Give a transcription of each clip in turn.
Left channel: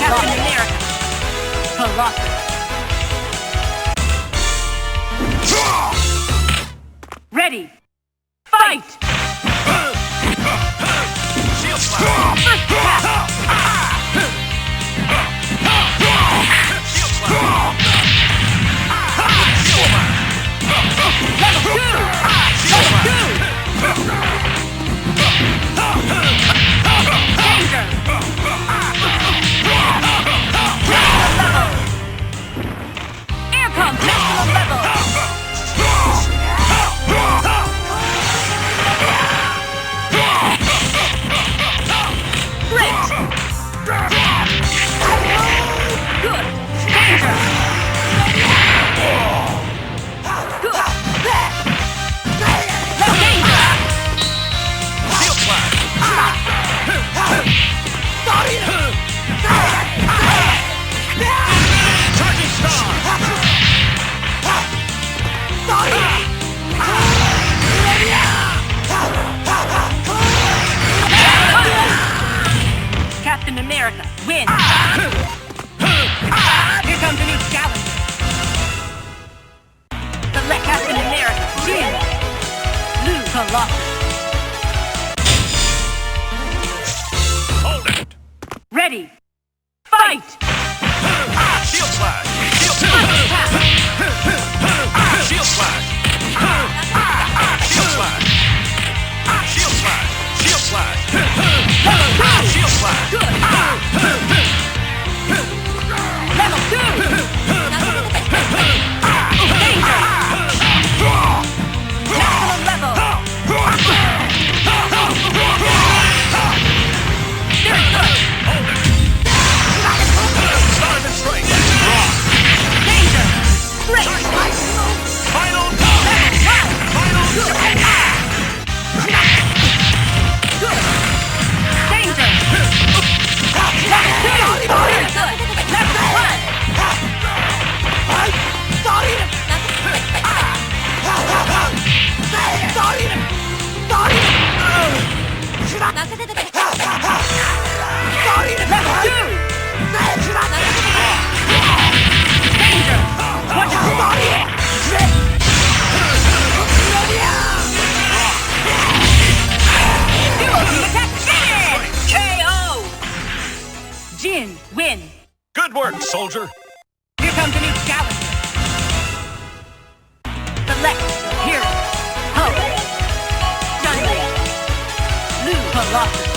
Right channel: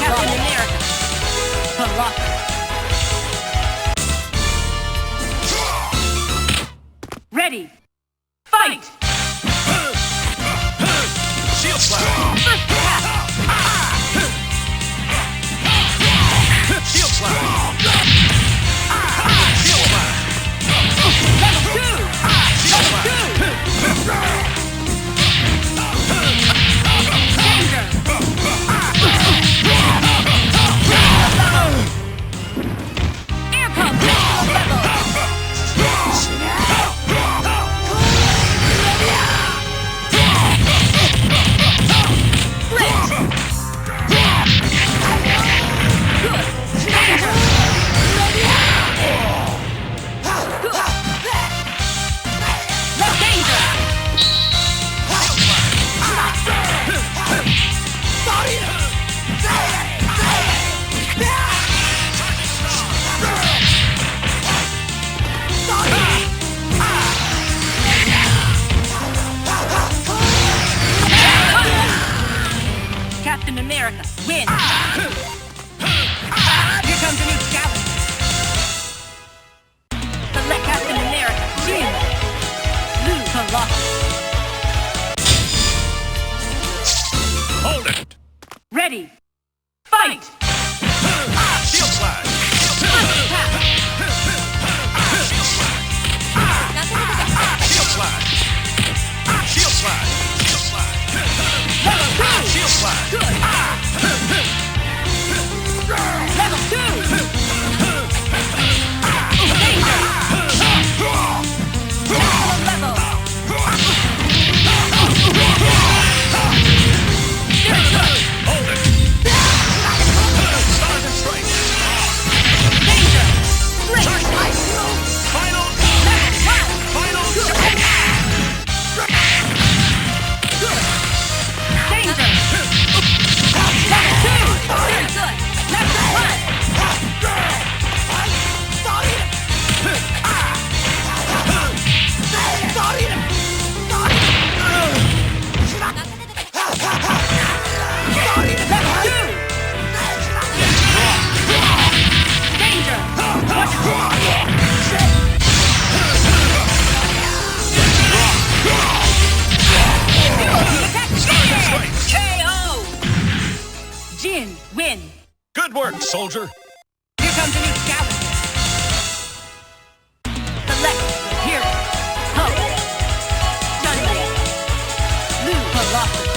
Captain America. Colossus. Ready. Fight! Shield slap. Shield slap. Shield slap. Level 2! Level 2! Danger! Air pump, maximum level! Flip! Good! Danger! No danger! Shield slap. Charging star. Captain America, win! Here comes a new challenger. Select Captain America, win! Lose Colossus. Hold it. Ready! Fight! Shield slap. Shield slap. Shield slap. Shield slap. Shield slap. Shield slap. Shield slap. Good! Level 2! Danger! Maximum level! Very good! Hold it. Stars and strike. Danger! Great! Final. Level 1! Final. Good! Good! Danger! Level 2! Very good! Level 1! Level 2! Danger! Watch out! Duo team attack! Finish! KO! Jin, win! Good work, soldier. Here comes a new challenger. Select your hero. Hulk. Sunday. Blue Colossus.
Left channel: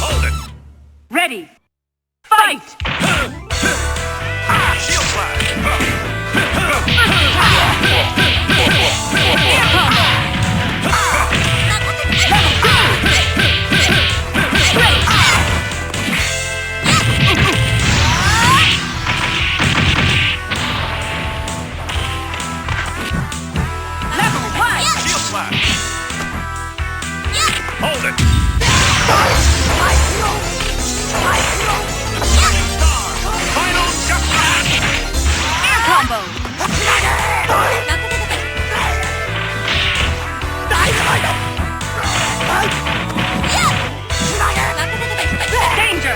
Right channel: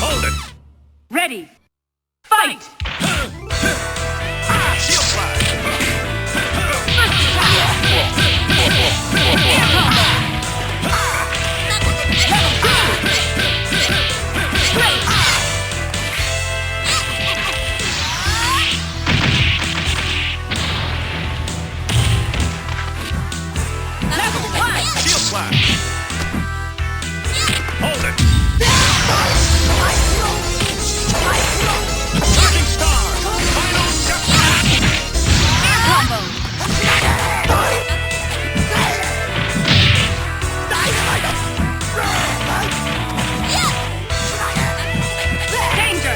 Hold it. Ready. Fight! Shield slap. Air combo. Level 2. Straight. Level 1. Shield slap. Hold it. Charging star. Final step. Air combo. Danger.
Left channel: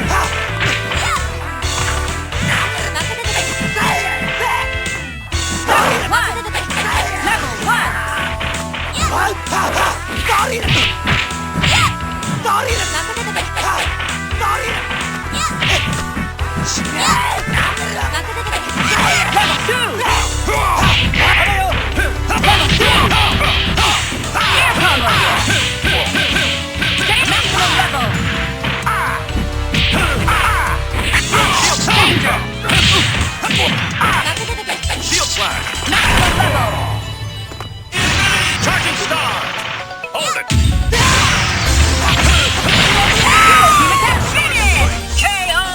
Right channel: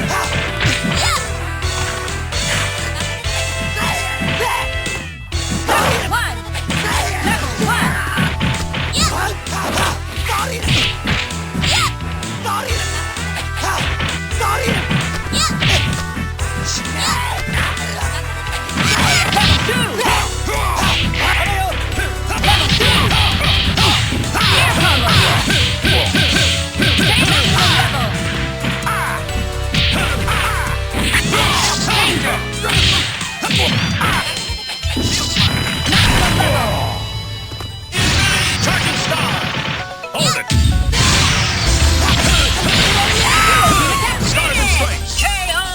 Level 1. Level 1. Level 2. Level 2. Air combo. Stay maximum level. Danger. Shield slap. Maximum level. Charging star. Hold it. Team attack finish! KO!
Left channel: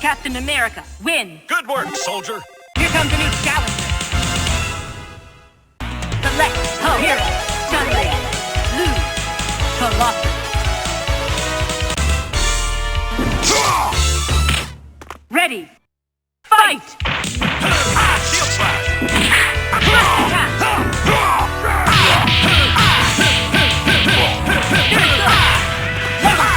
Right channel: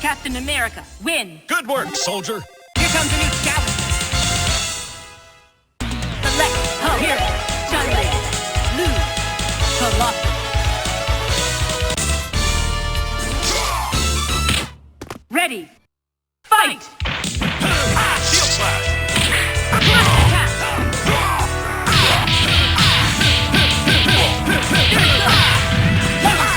Captain America, win! Good work, soldier. Here comes a new challenger. Select her hero. Sunday. Lose. Colossus. Ready. Fight! Shield slap. Attack! Level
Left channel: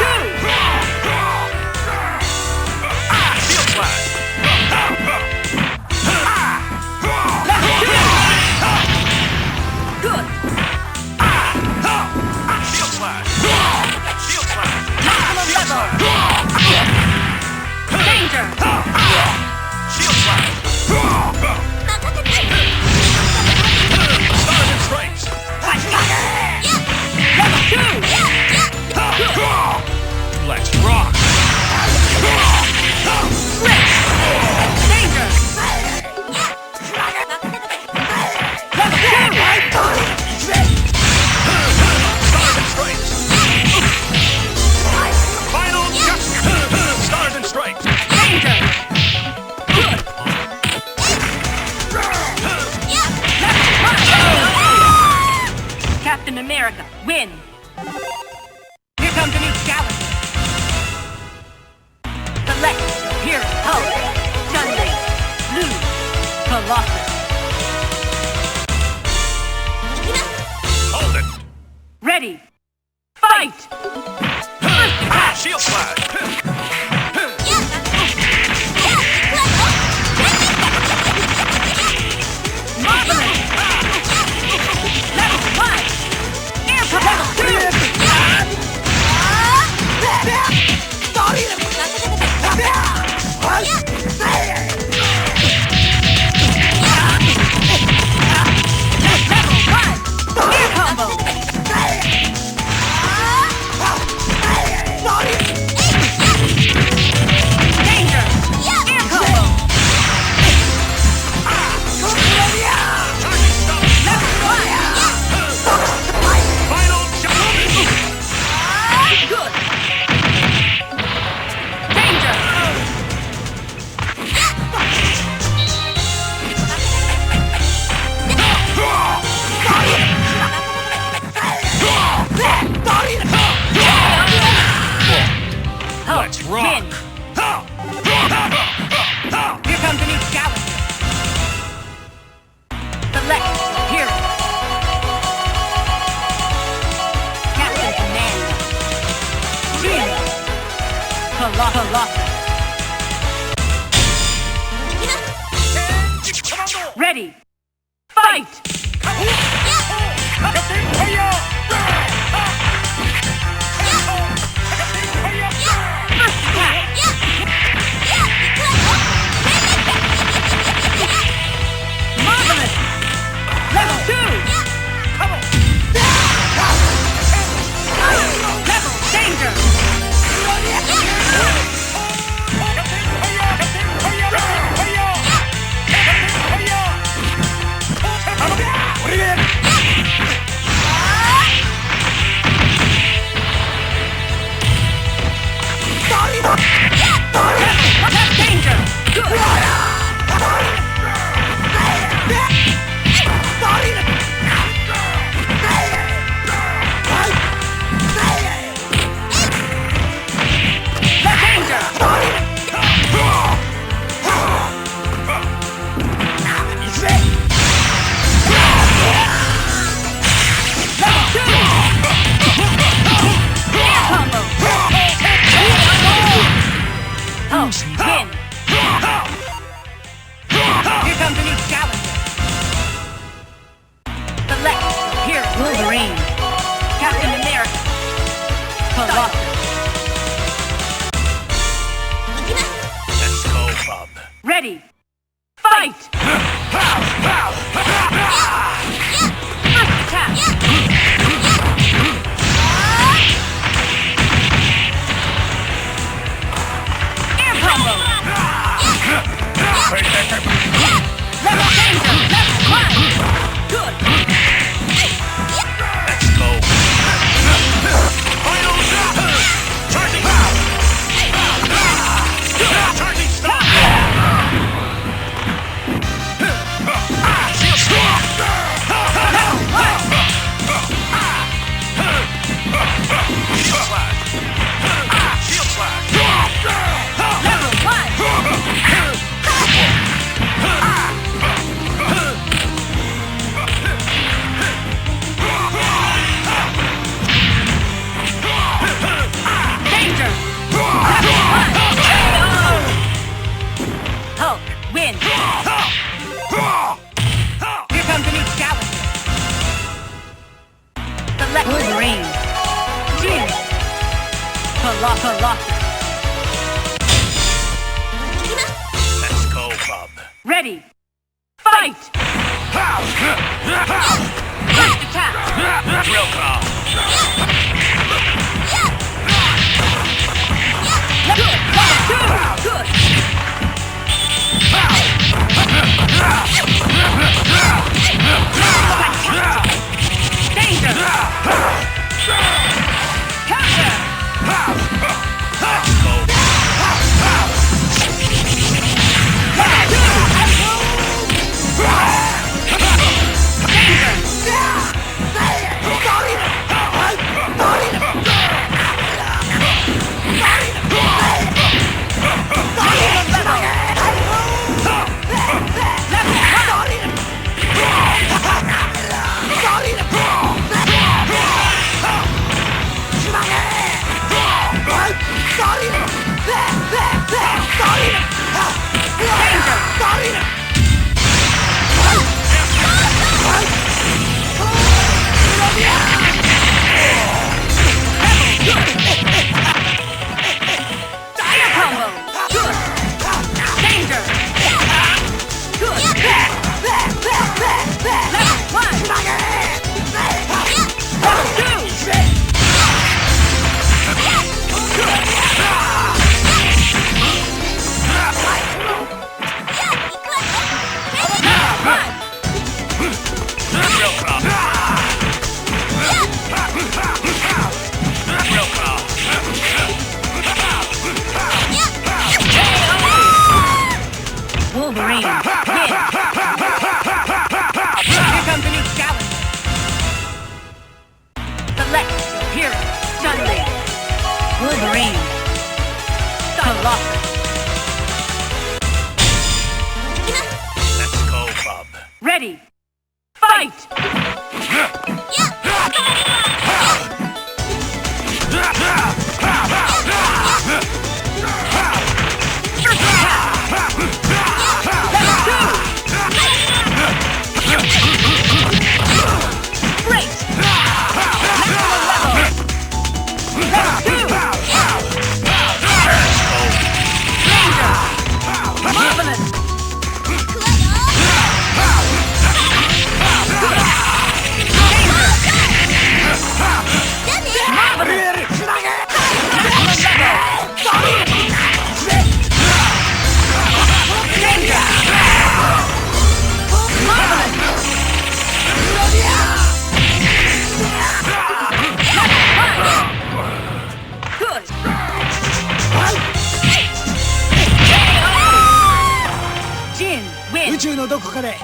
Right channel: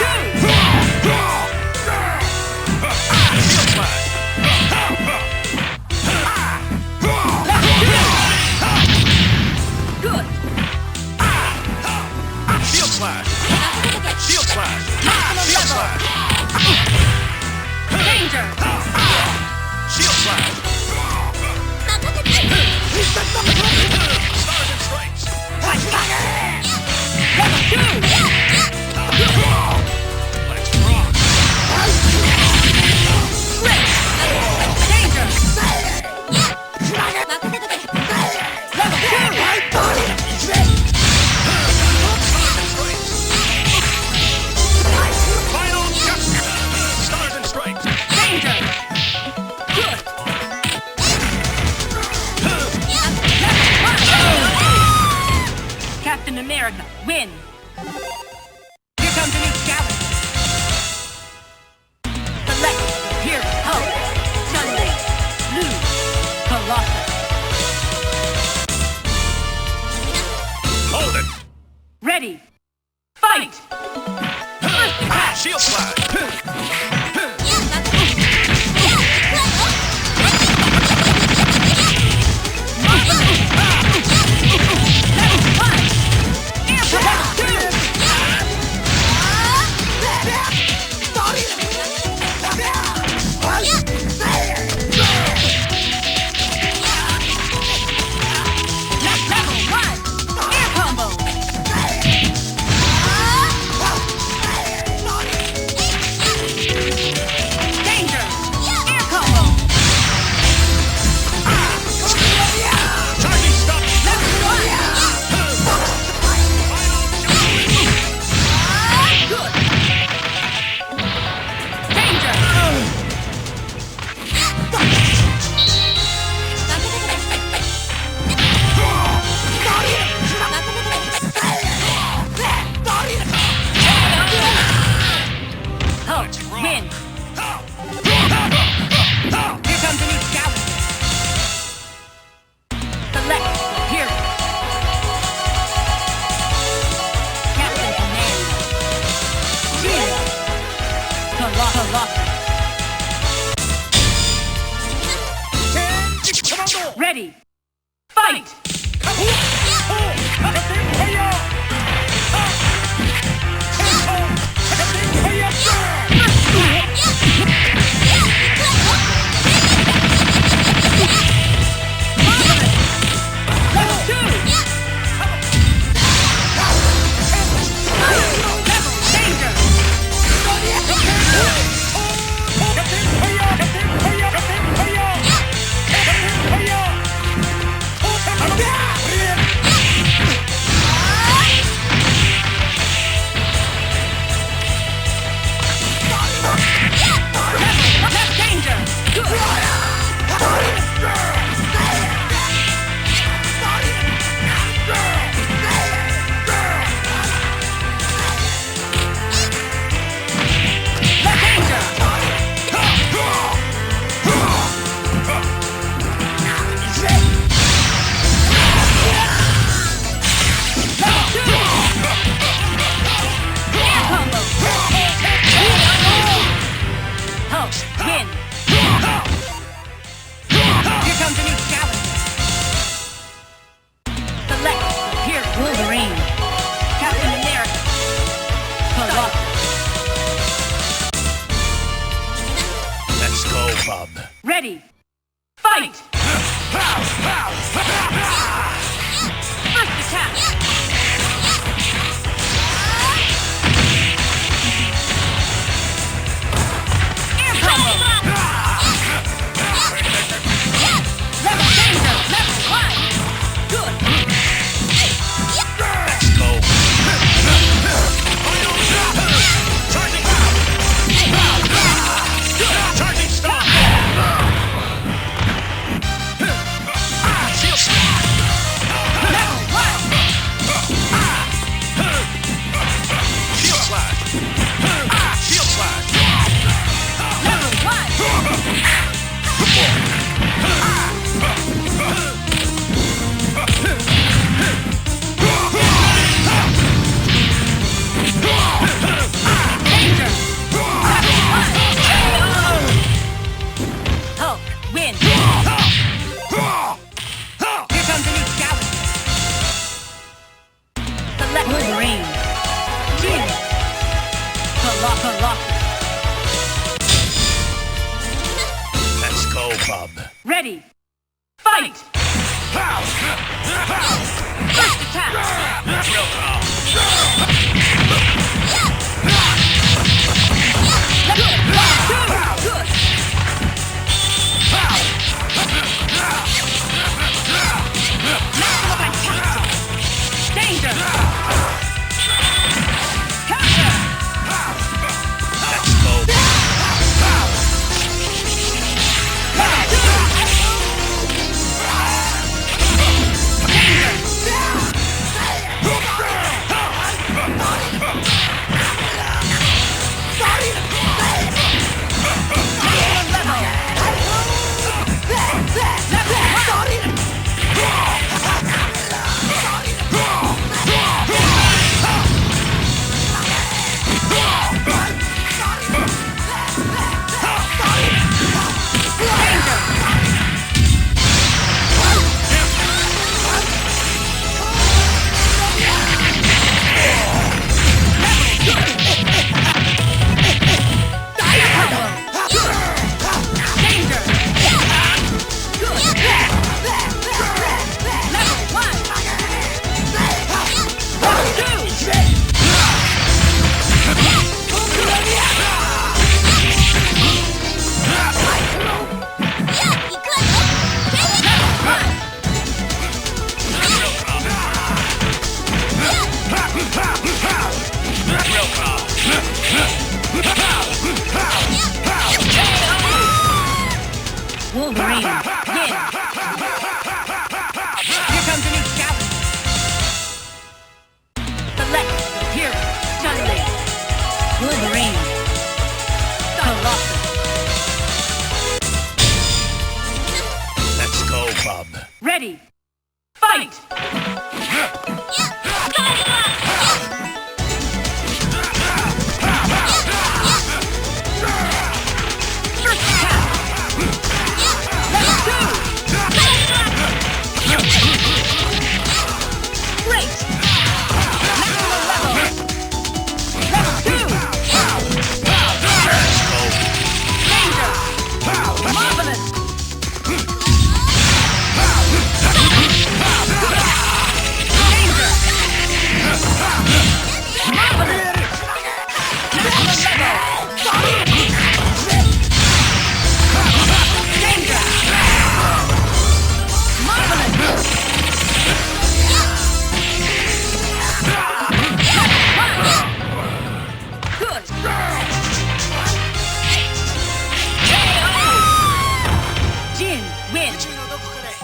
Captain America, win. Here comes a new challenger. Select your hero. Hulk, Sunday, Blue, Colossus. Hold it. Ready. Fight! Shield slide. Marvelous! Level 1! Air level 2! Level 1! Air combo! Danger! Air combo! Charging stop. Level 1! Final jump. Good! Danger! Let's rock. Win! Here comes a new challenger. Select your hero. Captain Commander. Win! Colossus. Ready. Fight! First attack! Marvelous! Level 2! Level danger! Level danger! Win! Here comes a new challenger. Select your hero. Wolverine. Captain America. Colossus. Let's go, Bob. Ready. Fight! First attack! Air combo! Level danger! Level 1! Good! Let's go. Final drop. Charging stop. Charging stop. Shield slide. Level 1! Shield slide. Shield slide. Level 1! Danger! Level 1! Hulk, win! Here comes a new challenger. Select Wolverine. Win! Colossus. Let's go, Bob. Ready. Fight! First attack! Drill call. Good! Good! Danger! Counter! Let's go. Danger! Real car. Wolverine, win! Here comes a new challenger. Select your hero, suddenly. Wolverine, Colossus. Let's go, bub. Ready, fight! First attack! Level 2! Great! Maximum level! Level 2! Danger! Marvelous! Danger! Marvelous! Maximum level! Danger! Marvelous! Good! Jin, win! 宇宙のどこかで